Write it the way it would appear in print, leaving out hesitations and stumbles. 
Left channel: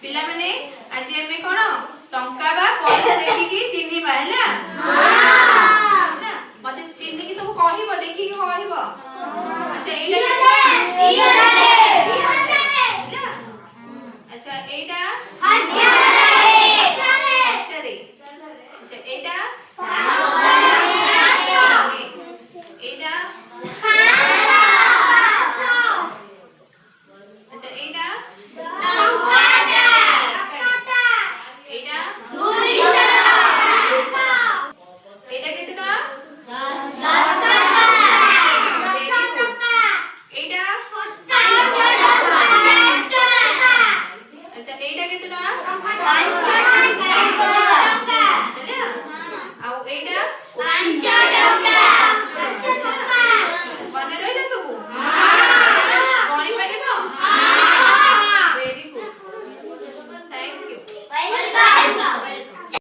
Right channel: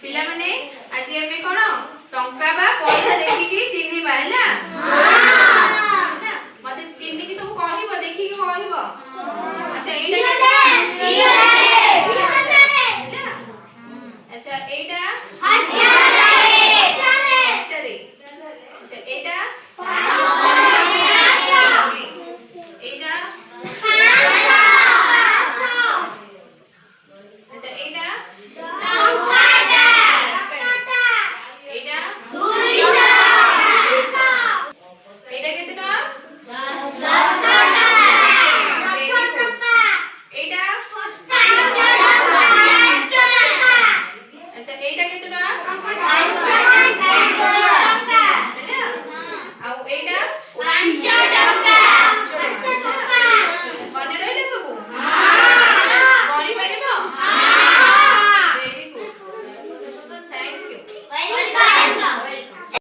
पिला माने आज एमे कोन टंका बा पैसा देखि कि चिन्ही बा हैला हैला मते चिन्ही कि सब कहिबो देखि कि कहिबो अच्छा एटा अच्छा एटा चले अच्छा एटा एटा अच्छा एटा Welcome.